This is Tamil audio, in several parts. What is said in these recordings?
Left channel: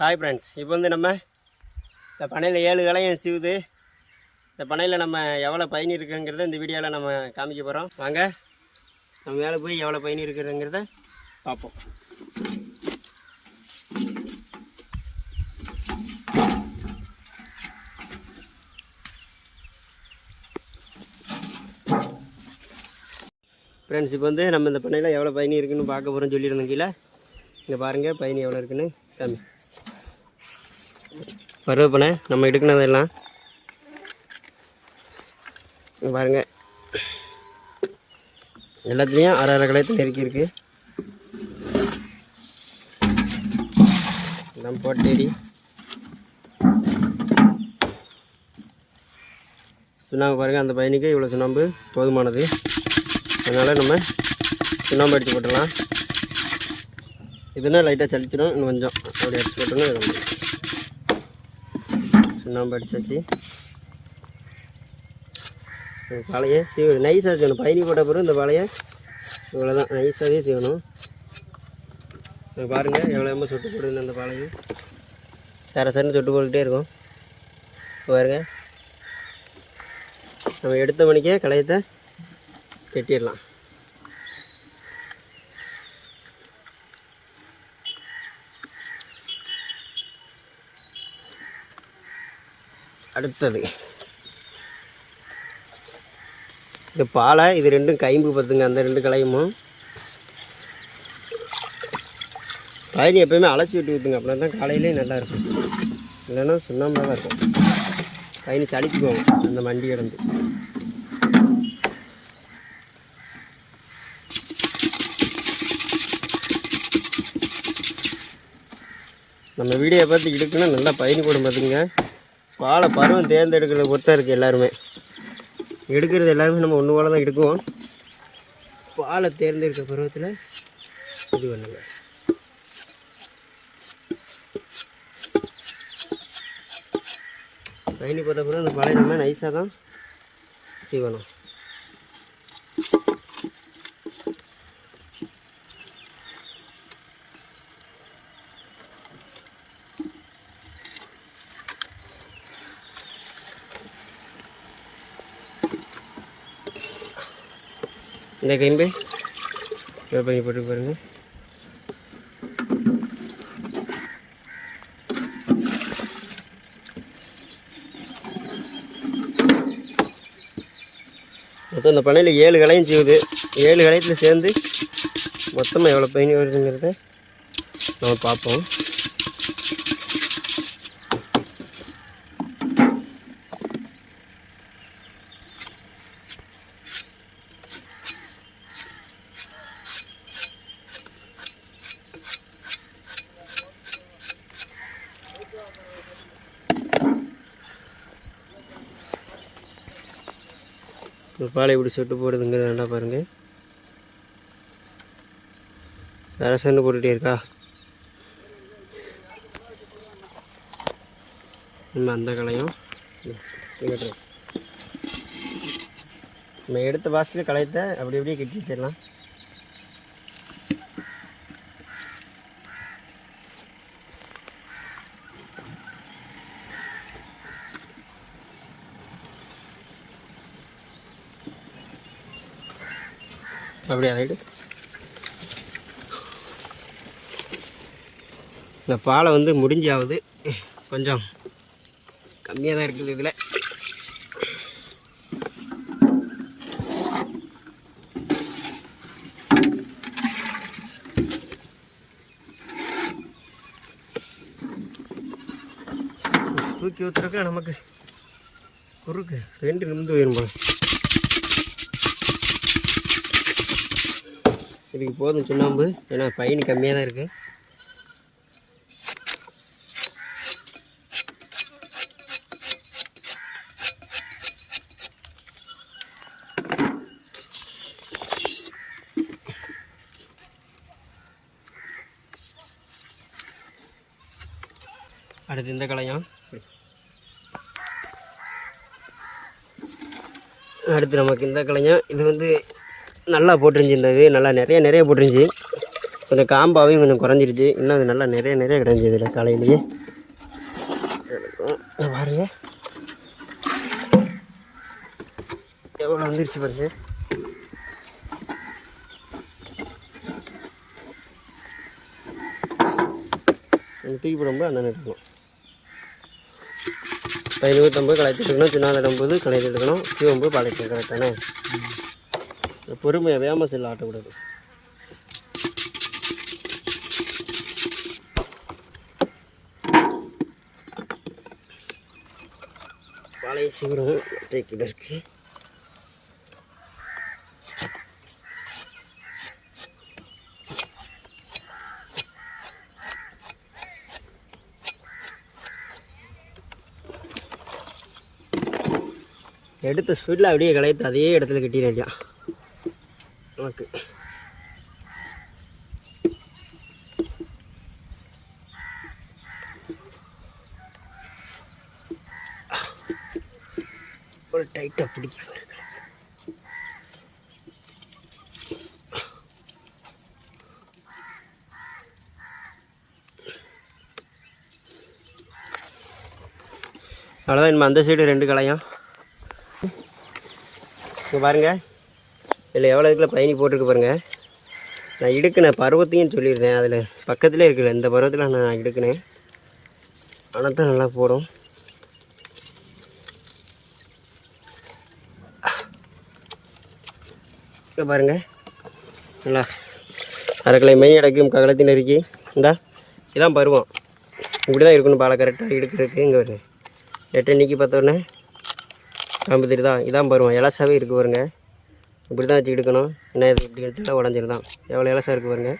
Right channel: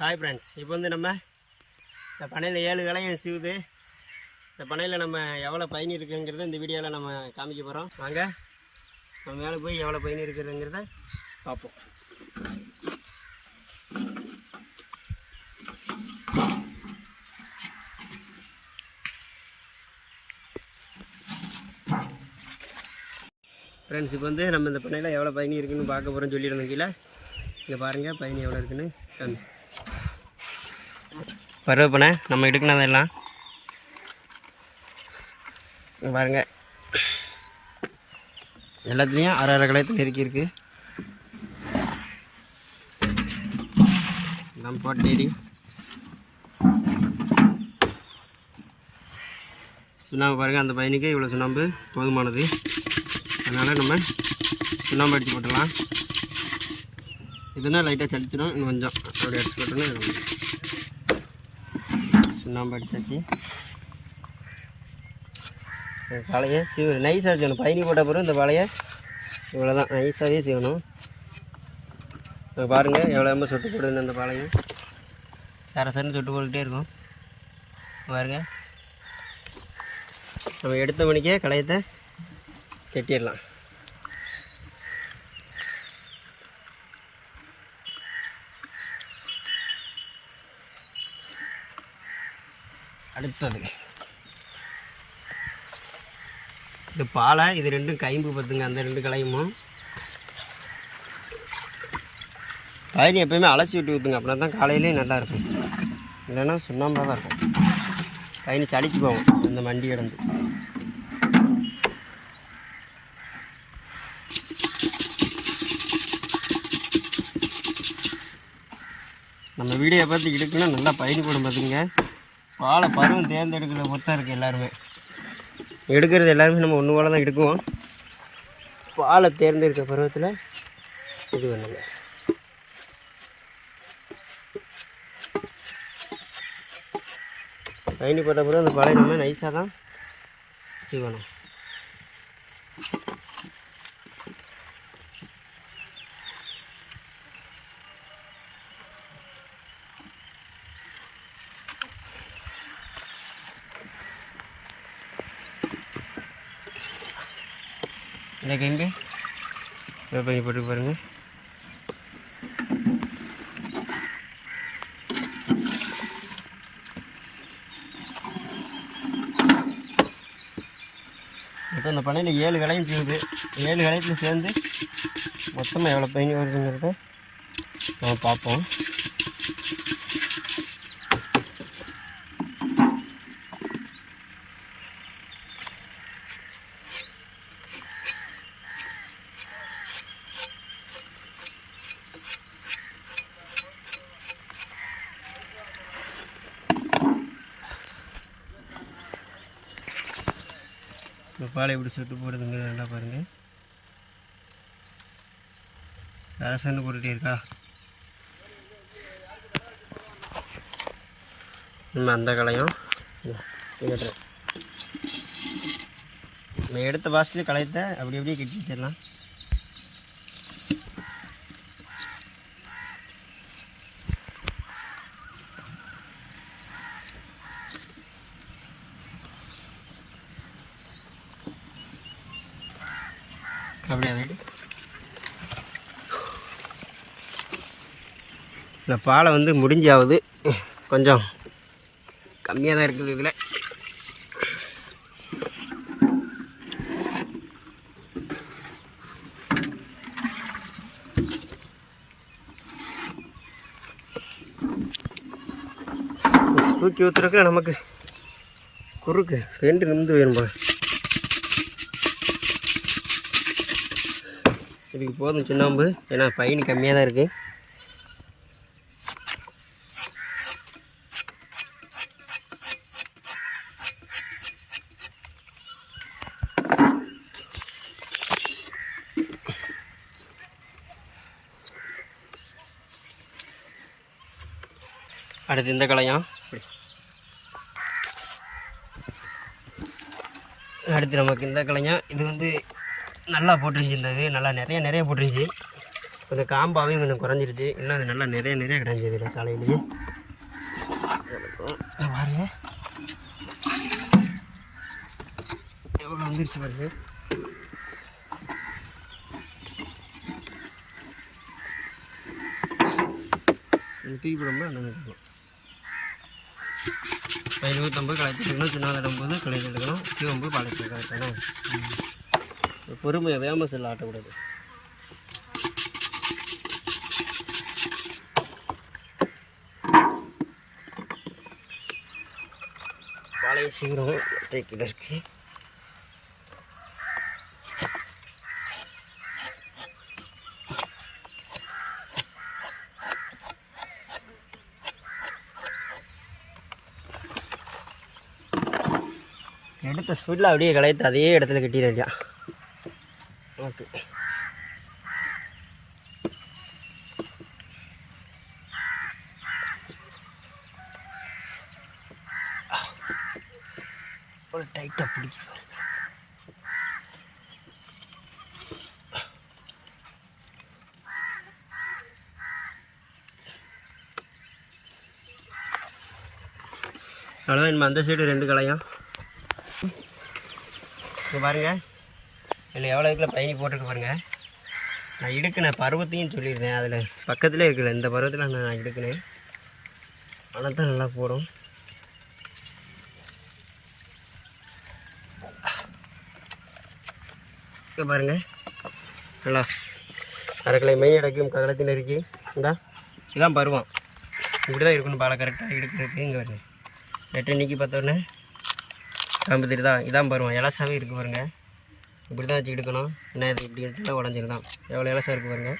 ஹாய் ஃப்ரெண்ட்ஸ் இப்போ வந்து நம்ம இந்த பனையில் ஏழு கலையும் சீவுது. இந்த பனையில் நம்ம எவ்வளோ பயணி இருக்குங்கிறத இந்த வீடியோவில் நம்ம காமிக்க போகிறோம் வாங்க நம்ம மேலே போய் எவ்வளோ பயணி இருக்குதுங்கிறத பார்ப்போம். ஃப்ரெண்ட்ஸ் இப்போ வந்து நம்ம இந்த பனையில் எவ்வளோ பயணி இருக்குதுன்னு பார்க்க போகிறோம்னு சொல்லியிருந்தோம் கீழே. இங்கே பாருங்கள் பயணி எவ்வளோ இருக்குன்னு. காமி பருவப்பனை நம்ம எடுக்கினதெல்லாம் இங்க பாருங்க. எல்லாத்துலேயும் அரை அரை கலையத்தில் நெருக்கி இருக்கு. நம்ம போட்டேரி சுண்ணாம்பு பாருங்கள் அந்த பையனுக்கு இவ்வளோ சுண்ணாம்பு போதுமானது. அதனால் நம்ம சுண்ணாம்பு அடித்து போட்டுடலாம். இதுனா லைட்டாக சளிச்சிடும் இன்னும் கொஞ்சம் அப்படி அடிச்சு போட்டோன்னா சுண்ணாம்பு அடிச்சாச்சு. வலையை பழைய சீவ நைஸாக செய்யணும். பயணி போட்ட பிறகு இந்த வலையை இவ்வளோ தான் நைஸாகவே செய்யணும் பாருங்கள் எவ்வளோ எம்ப சொட்டு போடுதுன்னு அந்த பாளையம் சர சரன்னு சொட்டு போட்டுக்கிட்டே இருக்கும். பாருங்கள் நம்ம எடுத்த மணிக்கே களையத்தை கட்டிடலாம். அடுத்தது. இது பாலை இது ரெண்டும் கைம்பு பத்துங்க அந்த ரெண்டு கலையுமும் பயணி எப்பயுமே அலசி விட்டு ஊற்றுங்க அப்படின்னா தான் காலையிலேயே நல்லா இருக்கும். இல்லைன்னா சுண்ணாம்பாக தான் இருக்கும். பயணி சளிச்சு போகும் அந்த மண்டி கிடந்து நம்ம வீடியோ பார்த்து இடுக்குன்னா நல்லா பயணி போடும் பார்த்துங்க பாலை பருவம் தேர்ந்தெடுக்கிறத பொறுத்தா இருக்குது எல்லாருமே. எடுக்கிறது எல்லாருமே நம்ம ஒன்று போல தான் எடுக்குவோம். பாலை தேர்ந்தெடுக்க பருவத்தில் இது பண்ணுங்க. பயணி போட்ட பிறகு அந்த பழைய நம்ம நைஸாக தான் செய்வணும் இந்த கைம்பு பண்ணி போட்டு பாருங்க. மொத்தம் இந்த பண்ணையில் ஏழு கலையும் செய்யுது. ஏழு கலையத்தில் சேர்ந்து மொத்தமாக எவ்வளோ பயணி வருதுங்கிறத நம்ம பார்ப்போம். பாலை இப்படி சொட்டு போடுதுங்கிறது நல்லா பாருங்கள் அரசன்னு போட்டுகிட்டே இருக்கா? நம்ம அந்த களையும் நம்ம எடுத்த பாசத்தில் களையத்தை அப்படி அப்படியே கட்டி வச்சிடலாம். அப்படியே அதை இந்த பாலை வந்து முடிஞ்சாவது கொஞ்சம் கம்மியாக தான் இருக்குது இதில். தூக்கி ஊற்றுறதுக்கு நமக்கு குறுக்கு ரெண்டு நிமிந்து போயிடும் போல. இதுக்கு போதும் சுண்ணாம்பு ஏன்னா ஃபைன் கம்மியாக தான் இருக்குது அடுத்து இந்த கலையாம் அடுத்து நமக்கு இந்த கலையாம் இது வந்து நல்லா போட்டுருந்துச்சு இந்த நல்லா நிறைய நிறைய போட்டுருந்துச்சி. கொஞ்சம் காம்பாவையும் கொஞ்சம் குறைஞ்சிருச்சு. இன்னும் அது நல்லா நிறைய நிறைய கிடைஞ்சிது இல்லை காலையிலேயே பாருங்கள் பாருங்க. எவ்வளோ வந்துருச்சு பாருங்க. தூக்கி போடும்போது அண்ணன் எடுக்கணும் ஐநூற்றம்பது களைத்து எடுக்கணும் சின்ன இடம்போது களைத்து எடுக்கணும் சீவம்பு பழைய எடுக்கணும் தானே? பொறுமையாக வேம செல்ல ஆட்டக்கூடாது பழைய சீக்கிரம் டேக்கில் இருக்கு. எடுத்த ஸ்பீடில் அப்படியே களைத்து அதே இடத்துல கட்டிடுறியா நமக்கு ஒரு டைட்டாக பிடிக்க அவ்வளோதான் இனிமே அந்த சைடு ரெண்டு கலையும் இங்கே பாருங்கள் இதில் எவ்வளோ இதில் பயணி போட்டுருக்கு பாருங்கள் நான் எடுக்கினேன் பருவத்தையும் சொல்லியிருந்தேன். அதில் பக்கத்தில் இருக்குல்ல இந்த பருவத்தில் நான் எடுக்கினேன் ஆனால் தான் நல்லா போடும். இப்போ பாருங்கள் நல்லா அரைக்கலை மெய் அடைக்கும் ககலத்தின் இருக்கி இந்தா இதான் பருவம். இப்படி தான் இருக்கணும் பாலை கரெக்டாக எடுக்கிறதுக்கு இங்கே வருங்க எட்டு நீக்கி பார்த்தோன்னே காம்பு தெரியுதா இதான் பருவம். இலசாவே இருக்குது பாருங்கள் இப்படி தான் வச்சு எடுக்கணும் ஏன்னா இது இப்படி எடுத்தாலும் உடஞ்சிருதான் எவ்வளோ இலசா இருக்குது பாருங்க.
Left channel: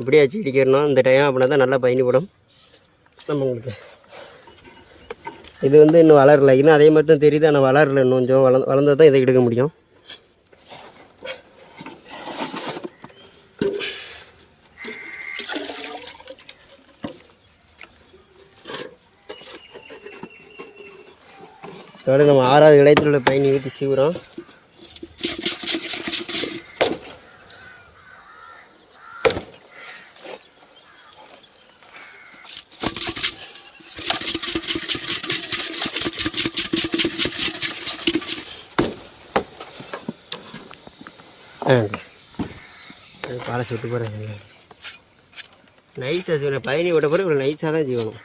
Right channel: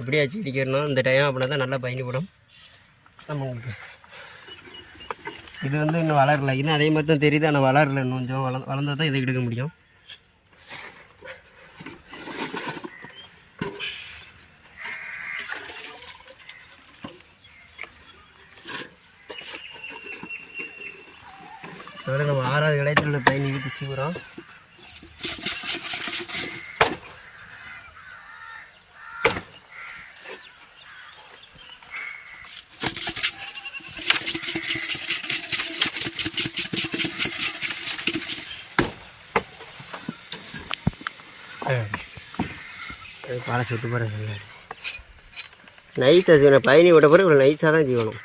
இப்படியே வச்சு இடிக்கிறணும். இந்த டைம் அப்படின்னா தான் நல்லா பயணிப்படும் நம்ம உங்களுக்கு இது வந்து இன்னும் வளரல. இன்னும் அதே மாதிரி தான் தெரியுது. ஆனால் வளரல இன்னும் கொஞ்சம். வள வளர்ந்தா தான் இதை எடுக்க முடியும். அதோட நம்ம ஆறாவது இடையத்தில் உள்ள பயணி ஊற்றி சீவுறோம். அது பாலை சுட்டு போகிறேன் நைஸாக செய்யணும். பயணி விட்ட பிறகு இவ்வளோ நைஸாக தான் செய்யணும்.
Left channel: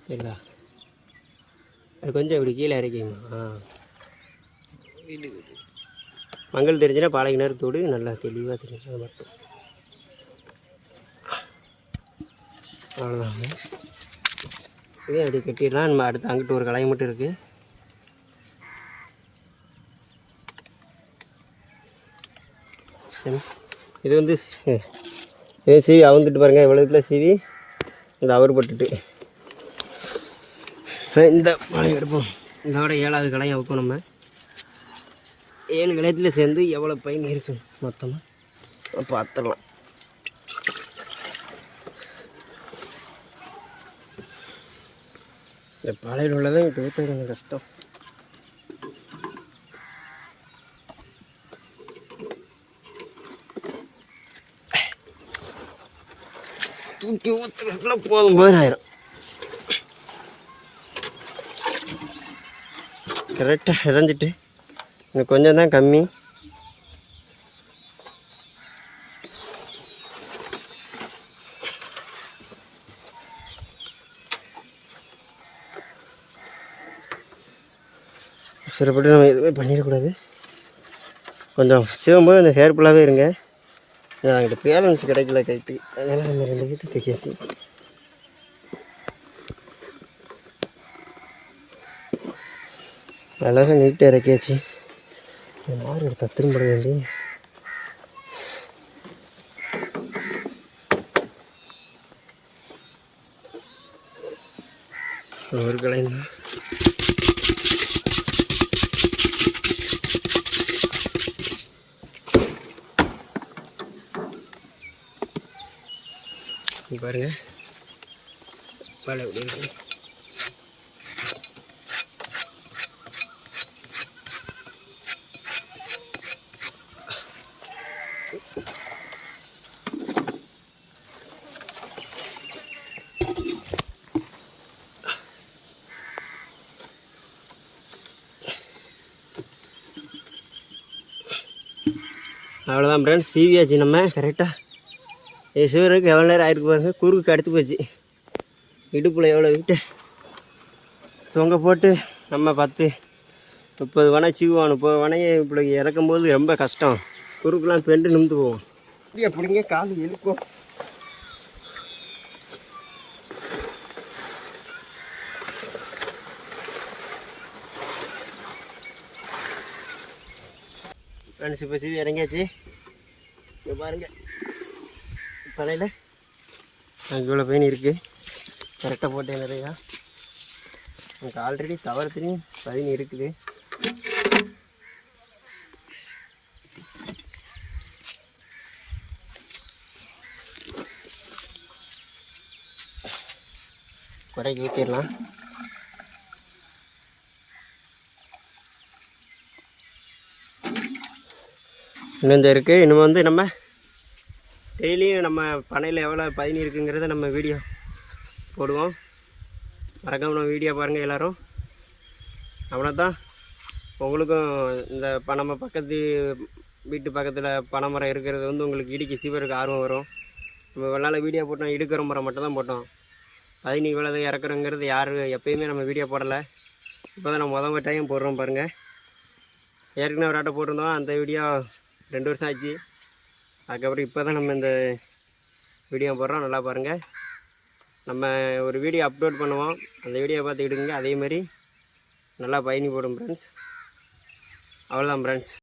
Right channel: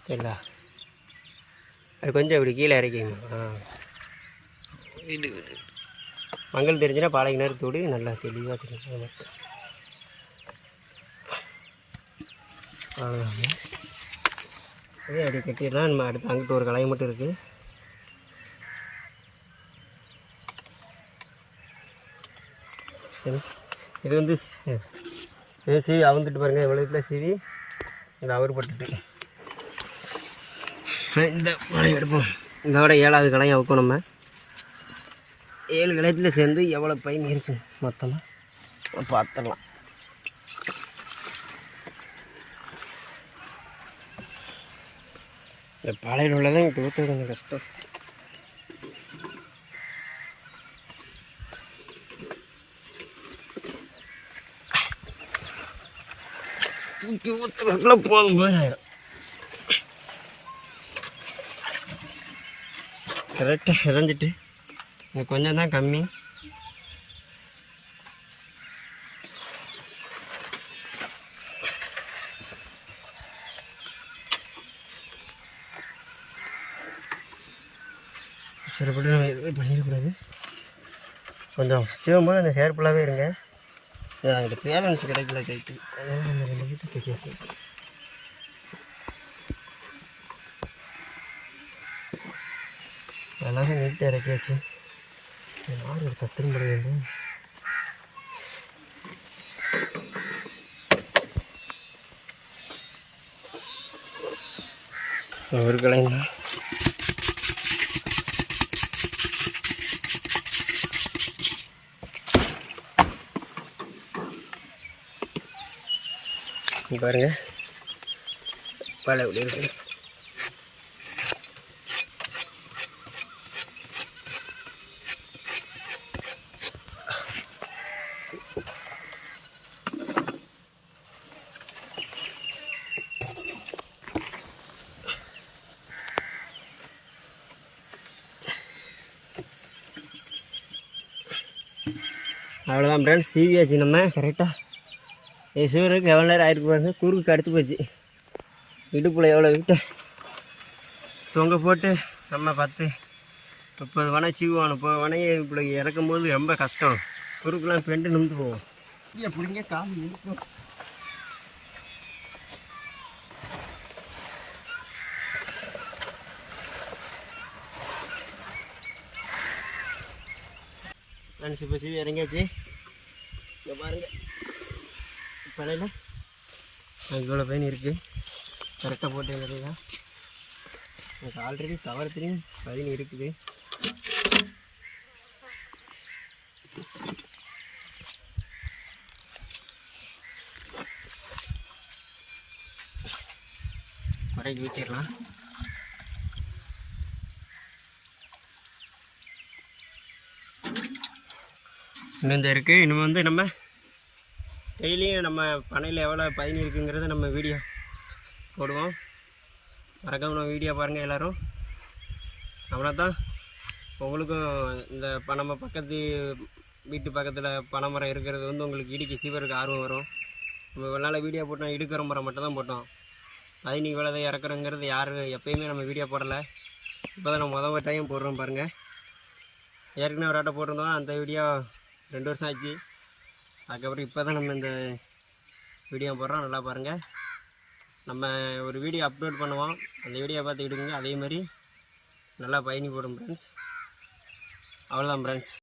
சரிங்களா அது கொஞ்சம் இப்படி கீழே இறக்கிங்க ஆ. மங்கள் தெரிஞ்சுன்னா பாலைக்கு நேரத்தோடு நல்லா தெளிவாக தெரிஞ்சு அது மட்டும். அவ்வளோதாங்க இதே அப்படி கட்டிடலாம். நம்ம அடுத்து அங்கிட்டு ஒரு கலை மட்டும் இருக்குது சரி. இது வந்து இதே சீவி அவுந்துட்டு பாருங்கள் இவ்வளோத்துல சீவி? இந்த அவர் பட்டுட்டு. இந்த மழை எடுப்போம். இதோட ஏழாவது கலையும் அவுக்கும் நம்ம. ஏழு கலையத்தில் சேர்ந்து எவ்வளோ பயன் இருக்கும் மொத்தமாக பார்த்துடலாம். இந்த பாலையில் உள்ளதான் இப்போ ஊற்ற கொஞ்சம் கஷ்டம். தூக்கி ஊற்றுறதுக்குள்ள போதும் போதும் ஆயிரும் கரெக்டாக இறஞ்சிட்டு இன்னும் கொஞ்சம் தான் கம்மி. அவசரப்பட்டு நம்ம எதுவுமே பண்ணிடக்கூடாது. கொஞ்சம் சிவம்போது அந்த ஹேர்ஃபுல்லாகவே இருங்க. என்கிட்ட பேலன்ஸ் கிடைக்கல கைக்கு. அதனால் நம்ம ரெண்டு வீட்டுக்கு தைக்காச்சு அழகாக நீட்டாக இறக்கியாச்சு. யார் ஒரு பத்திரம் பட வேண்டும் ஒரு கலையும் இங்கே பாருங்கள் வலை எப்படி இருக்குது அவ்வளோதான் ஃப்ரெண்ட்ஸ் சிவியாச்சு நம்ம. கரெக்டாக ஏ சிவருக்கு எவ்வளோ நேரம் ஆயிருக்கு பாருங்க. குறுக்கு அடுத்து போச்சு. இடுப்பில் எவ்வளோ விட்டு தொங்க போட்டு நம்ம பத்து முப்பது வனை சீவோம் முப்பது வனையை இப்படி இறக்கும் போது ரொம்ப கஷ்டம். குறுக்கெலாம் பெண்டு நிமிந்து போவோம் இப்படியா பிடிங்க கால் இழுக்கும் ஃப்ரெண்ட்ஸ் இப்போ சீவி இறங்கியாச்சு. இங்கே பாருங்கள் பழையில அங்கே இவ்வளோ பெயின் இருக்குது கரெக்டாக போட்டேன் நிறையா. எனக்கு ஆல்ரெடி தவறத்துலேயும் பதினி இருக்குது. குறைக்கு ஊற்றிடலாம் இன்னும் இந்த இருக்குது இன்னும் வந்து நம்ம டெய்லியும் நம்ம பனையில் எவ்வளோ பயணி இருக்குங்கிறத நம்ம வீடியோ போடுவோம். மறக்காம நம்ம வீடியோ பாருங்கள் எல்லோரும். நம்மளை தான் உங்களுக்கும் இந்த ப- நம்ம பக்கத்து வீட்டு பக்கத்தில் பனைமரம் இருக்கிறது வந்து உங்களுக்கு இடிக்கு சீவருக்கு ஆர்வம் வரும். நம்ம வெள்ளால் வீடியோ போட்டோம் இடுக்கிற மரம் மட்டும் தான் போட்டோம். பதினி இவ்வளோ இறக்குறோங்கிறது யாரும் எப்போயுமே நம்ம வீடியோ போடலை. இப்போ தான் நம்ம முதல் டைம் போடுறோம் பாருங்கள் ஏற்கனவே ஒரு ஆட்டை போட்டிருந்தோம் அந்த வீடியோ ரெண்டு வருஷம் ஆச்சு. அதுக்கப்புறம் இப்போ தான் நம்ம இந்த வீடியோ போடுறோம். நல்லா பாருங்கள் நம்ம ஒரு வீடியோ அப்லோட் பண்ணுவோம். அந்த வீடியோ பார்த்து அதேமாதிரி அதே மாதிரி நல்லா பயணி போடும் ஃப்ரெண்ட்ஸ் அவ்வளோதான் ஃப்ரெண்ட்ஸ்